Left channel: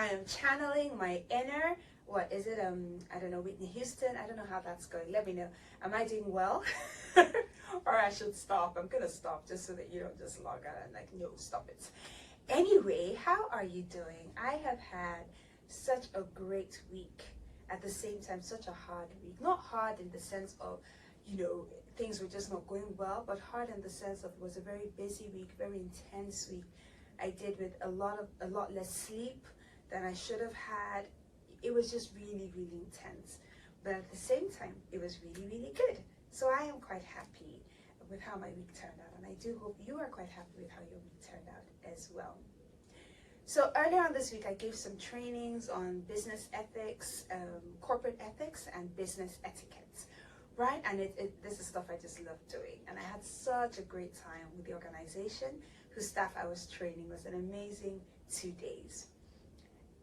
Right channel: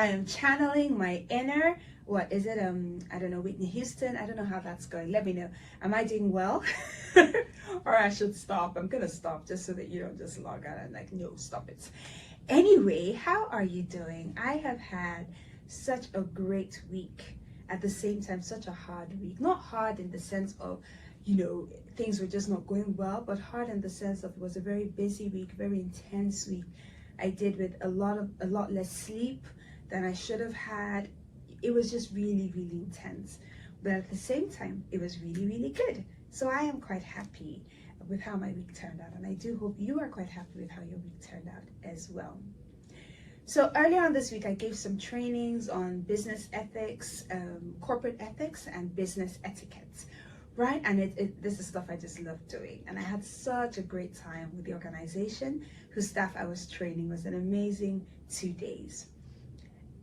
I am channeling my inner, what is it? I don't know, Whitney Houston. I don't know how that's going. Let me know. Am I doing well? Or I should stop. I'm gonna stop just so that you don't just log out and like, no, stop it. Anyway, how are you doing? I have had such a great week. At the same time, such a hard week. Not hard in the sense of, things were just not going well, but hard in the sense of it was a very busy week, very intense week. I did with a lot less sleep than I should have had. It was just really, really intense. But at the same time, it was really, really good. So I am quite happy with how my week turned out. And I do hope you are quite happy with how your week turned out as well. So earlier on this week, I gave some trainings on business ethics, corporate ethics, and business etiquette, right? And this is stuff I just love doing. And I had such a great time with the organization whose staff I was training. It was an amazing 2 days.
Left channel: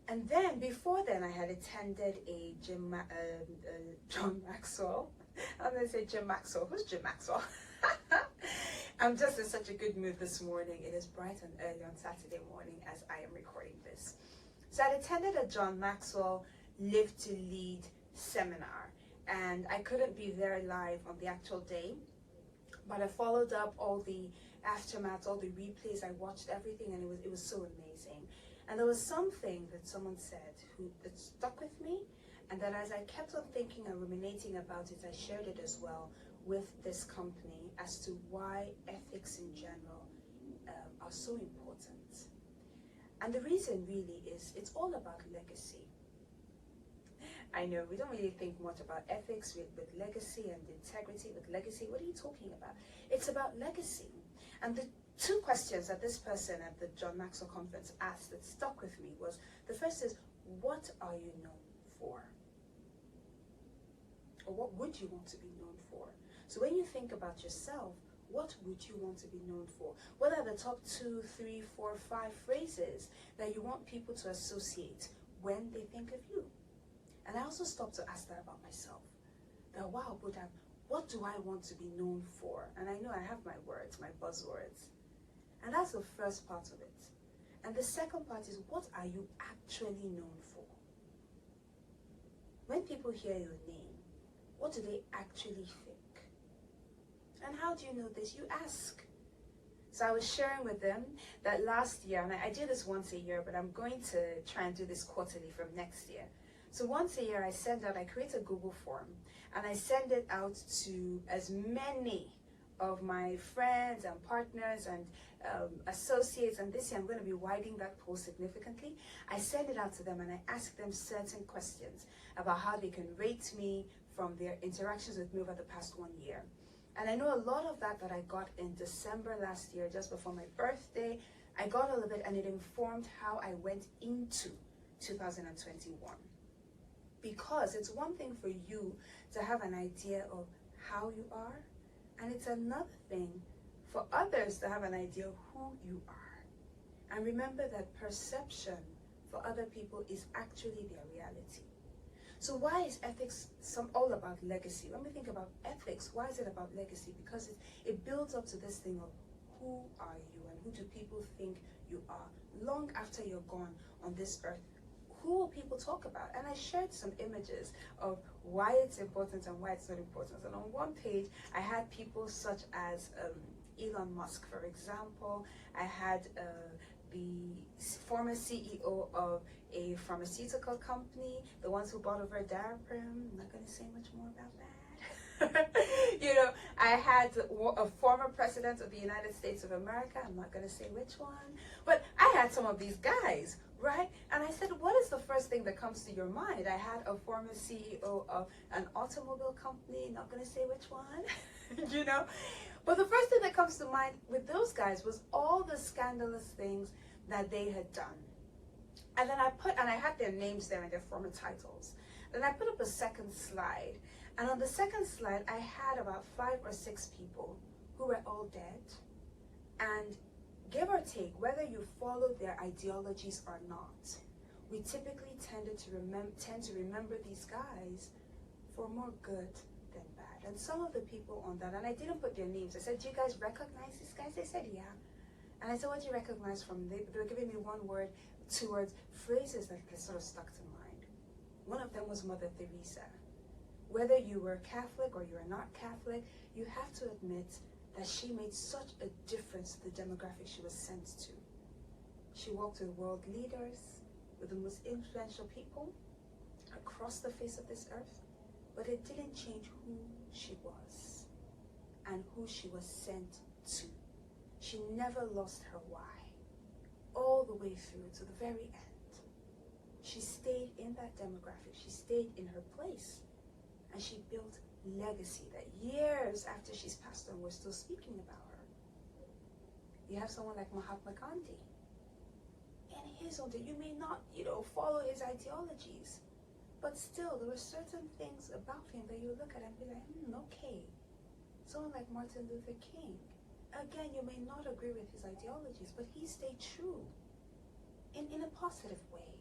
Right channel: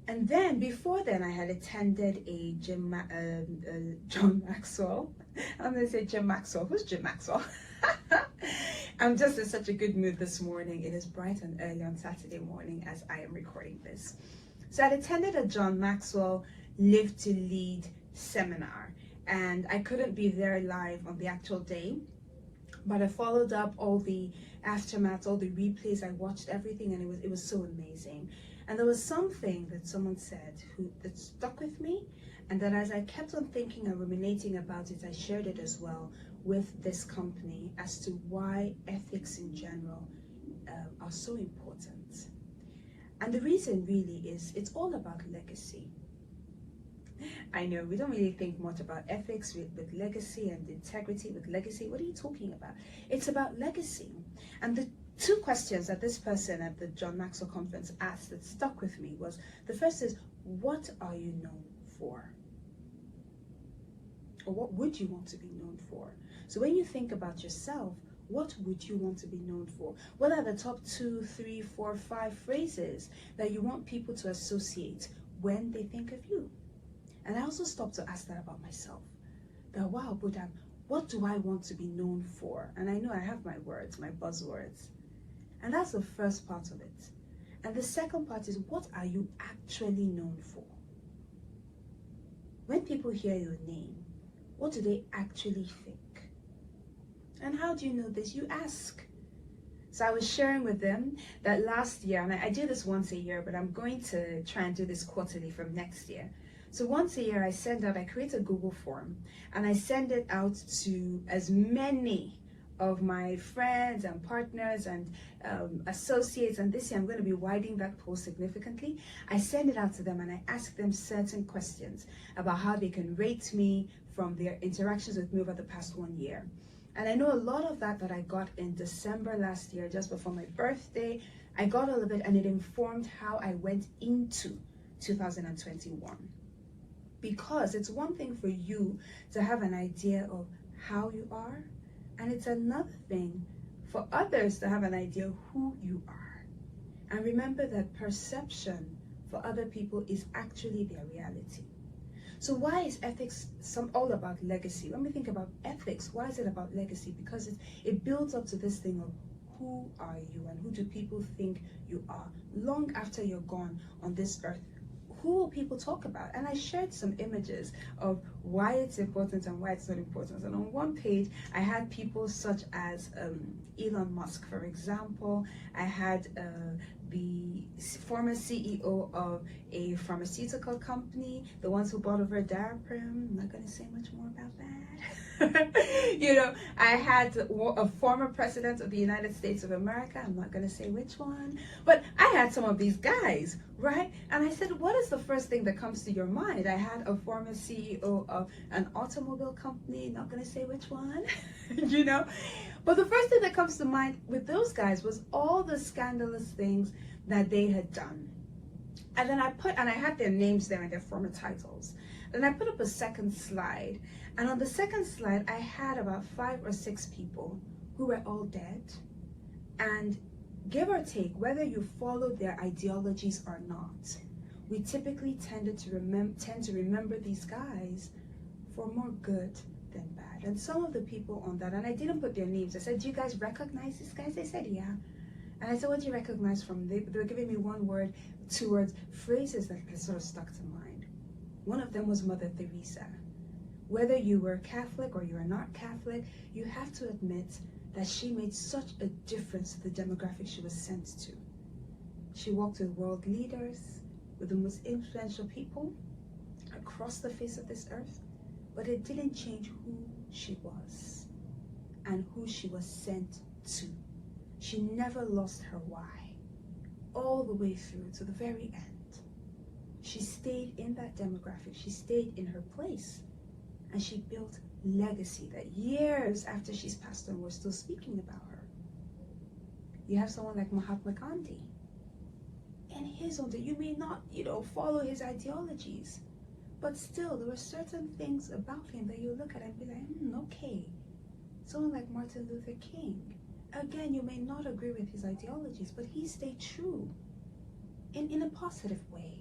And then before then, I had attended a John Maxwell. I'm going to say Jim Maxwell. Who's Jim Maxwell? I'm just in such a good mood this morning. It is bright and early on Saturday morning as I am recording this. So I attended a John Maxwell Live to Lead seminar, and I couldn't be there live on the actual day, but I followed up all the aftermath, all the replays. I watched everything, and it was so amazing. And there was something that someone said that stuck with me, and then as I kept on thinking and ruminating about it, I shared it as well with this company as to why ethics in general are so important. And the reason really is it's all about legacy. I know we don't really think much about ethics with legacy and integrity with legacy. What are you talking about? It's about legacy. And the two questions that this person at the John Maxwell conference asked that stuck with me was, the first is, what are you known for? Or what would you want to be known for? So when you think about yourself, what would you want to be known for? What are the top 2, 3, 4, 5 phrases that you want people to associate when they think of you? And I also stopped to ask that about myself. That, wow, Buddha, what do I want to be known for? And I know I have my words, my buzzwords. And that's the first part of it. And the second part is, what are you actually known for? When people hear your name, what do they actually think? And how do you know this? You ask. So I was sharing with them that last year, and I do this once a year, but I'm going to try and do this quarterly from next year. So once a year I create a Google form, and I send it out to as many of my friends and partners and associates, and this year I'm going to be widening that post significantly. I send it out to them and I ask them certain questions about how they can rate me from their interactions with me over the past 1 year. And I know a lot of that I got in December last year, just before my birthday. I got all of it, and it informed how I went into 2021. Because it's one thing for you to have an idea of how you are, and it's another thing for others to have an idea of who you are. And remember that perception for other people is actually their reality. So why is ethics all about legacy? When we think about ethics, why is it about legacy? Because it builds up to this thing of, who are you and who do people think you are? Long after you're gone on this earth, who will people talk about? And I shared some images of why it's important and why it's not important. And on one page, I had people such as Elon Musk, for example. I had the former CEO of a pharmaceutical company, the ones who bought over Daraprim. I'm not going to say much more about that. I had a former president of the United States of America. I'm not going to say which one, but I had some of these guys, right? And I said, what is the first thing that comes to your mind? I had a former CEO of an automobile company, not going to say which one, But the first thing that comes to mind with those guys was all the scandalous things that they had done. And then I had their names there and their former titles. Then I put up a second slide. And on the second slide, I had about 5 or 6 people who were all dead. And give or take, whether you followed their ideologies or not, we typically tend to remember these guys for more good than bad. And some of the people on that, and I didn't put their names, I said, do you guys recognize these guys? They said, yeah. And I said, what do you recognize from them? They were giving me one word, two words, phrases that sort of stuck to mind. One of them was Mother Teresa. Whether you were Catholic or you are not Catholic, you have to admit that she made such a difference to the demographic she was sent to. She walked with world leaders, with the most influential people across the face of this earth, but it didn't change who she was and who she was sent to. She never lost her why, all the way through to the very end. She stayed in that demographic, she stayed in her place, and she built legacy that years after she's passed on, we're still speaking about her. You have someone like Mahatma Gandhi. In his own day, you may not, follow his ideologies, but still, there were certain things about him that you look at and be like, okay. Someone like Martin Luther King. Again, you may not agree with his ideologies, but he stayed true in a positive way.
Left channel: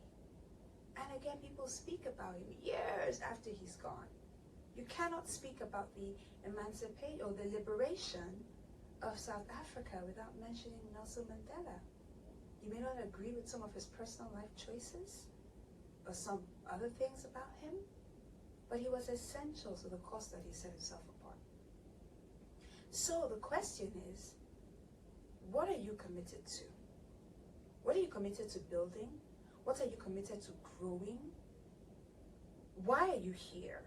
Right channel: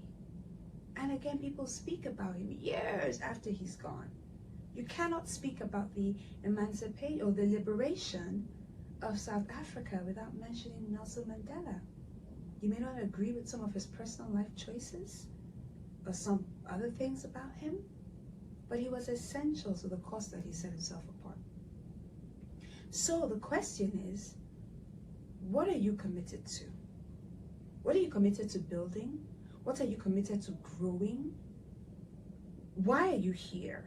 And again, people speak about him years after he's gone. You cannot speak about the emancipation or the liberation of South Africa without mentioning Nelson Mandela. You may not agree with some of his personal life choices or some other things about him, but he was essential to the cause that he set himself apart. So the question is, what are you committed to? What are you committed to building? What are you committed to growing? Why are you here?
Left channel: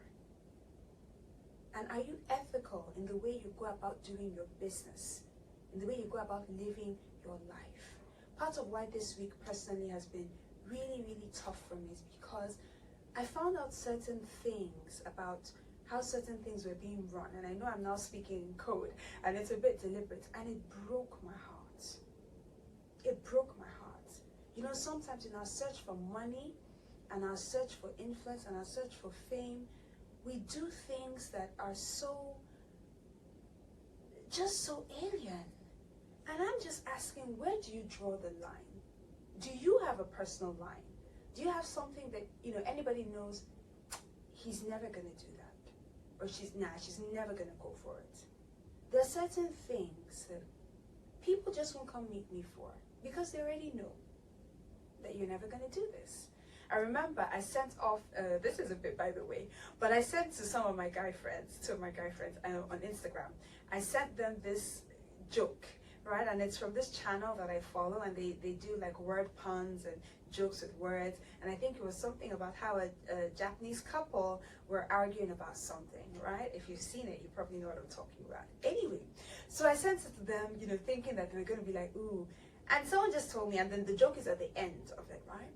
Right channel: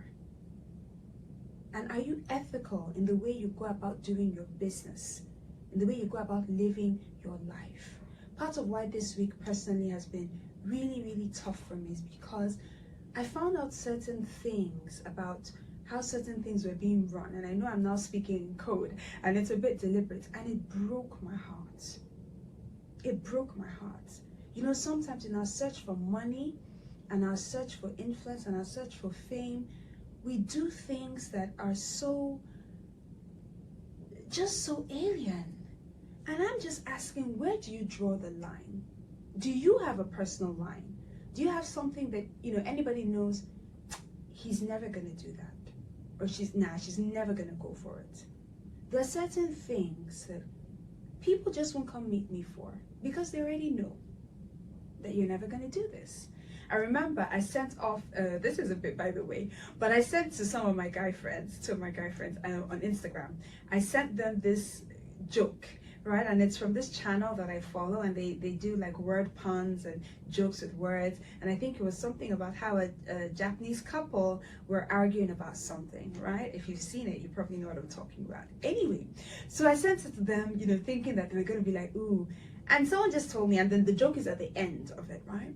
And are you ethical in the way you go about doing your business, in the way you go about living your life? Part of why this week personally has been really, really tough for me is because I found out certain things about how certain things were being run. And I know I'm now speaking in code, and it's a bit deliberate, and it broke my heart. It broke my heart. Sometimes in our search for money, and our search for influence, and our search for fame, we do things that are just so alien. And I'm just asking, where do you draw the line? Do you have a personal line? Do you have something that, anybody knows he's never going to do that? Or she's never going to go for it. There are certain things that people just won't come meet me for because they already know that you're never going to do this. I remember I sent off, this is a bit by the way, but I sent to some of my guy friends, on Instagram, I sent them this joke, right? And it's from this channel that I follow, and they do like word puns and jokes with words. And I think it was something about how a Japanese couple were arguing about something, right? If you've seen it, you probably know what I'm talking about. Anyway, so I sent it to them, thinking that they were going to be like, ooh. And someone just told me, and then the joke is at the end of it, right?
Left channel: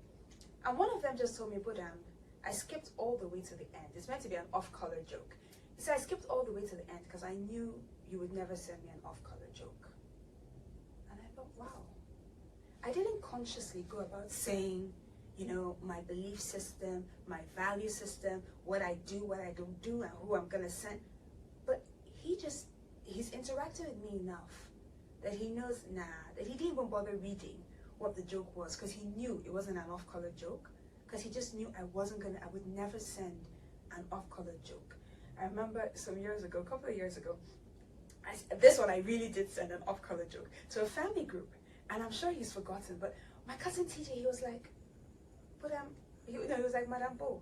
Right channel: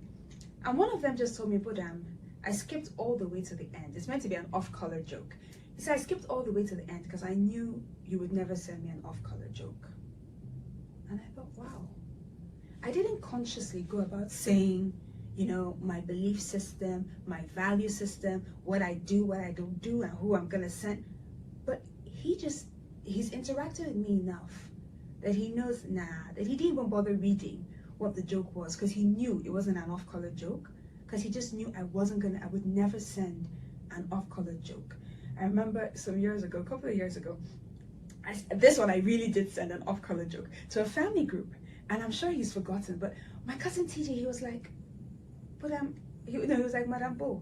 And one of them just told me, Budam, I skipped all the way to the end. It's meant to be an off-color joke. He said, I skipped all the way to the end because I knew you would never send me an off-color joke. And I thought, wow. I didn't consciously go about saying, my belief system, my value system, what I do, what I don't do, and who I'm going to send. But he's interacted with me enough that he knows, that he didn't even bother reading what the joke was, because he knew it wasn't an off-color joke, because he just knew I would never send an off-color joke. I remember a couple of years ago, this one I really did send an off-color joke to a family group, and I'm sure he's forgotten, but my cousin TJ, he was like, but he was like, Madam Bo,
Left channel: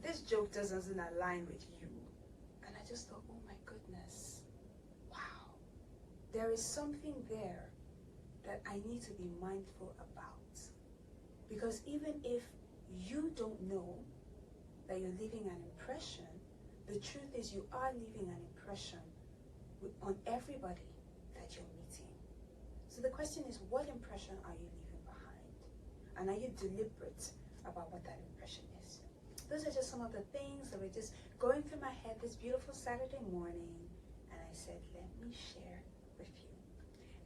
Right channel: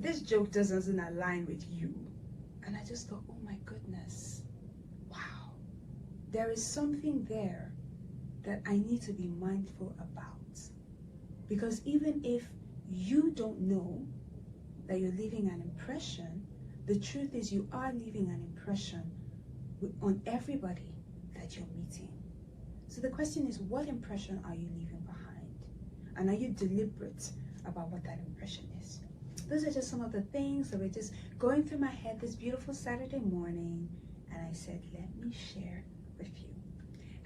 this joke doesn't align with you. And I just thought, oh my goodness, wow, there is something there that I need to be mindful about. Because even if you don't know that you're leaving an impression, the truth is you are leaving an impression on everybody that you're meeting. So the question is, what impression are you leaving behind? And are you deliberate about what that impression is? Those are just some of the things that were just going through my head this beautiful Saturday morning, and I said, let me share with you.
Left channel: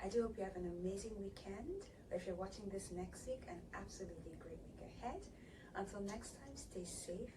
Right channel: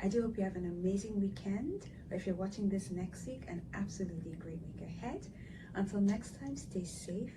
I do hope you have an amazing weekend, or if you're watching this next week, an absolutely great week ahead. Until next time, stay safe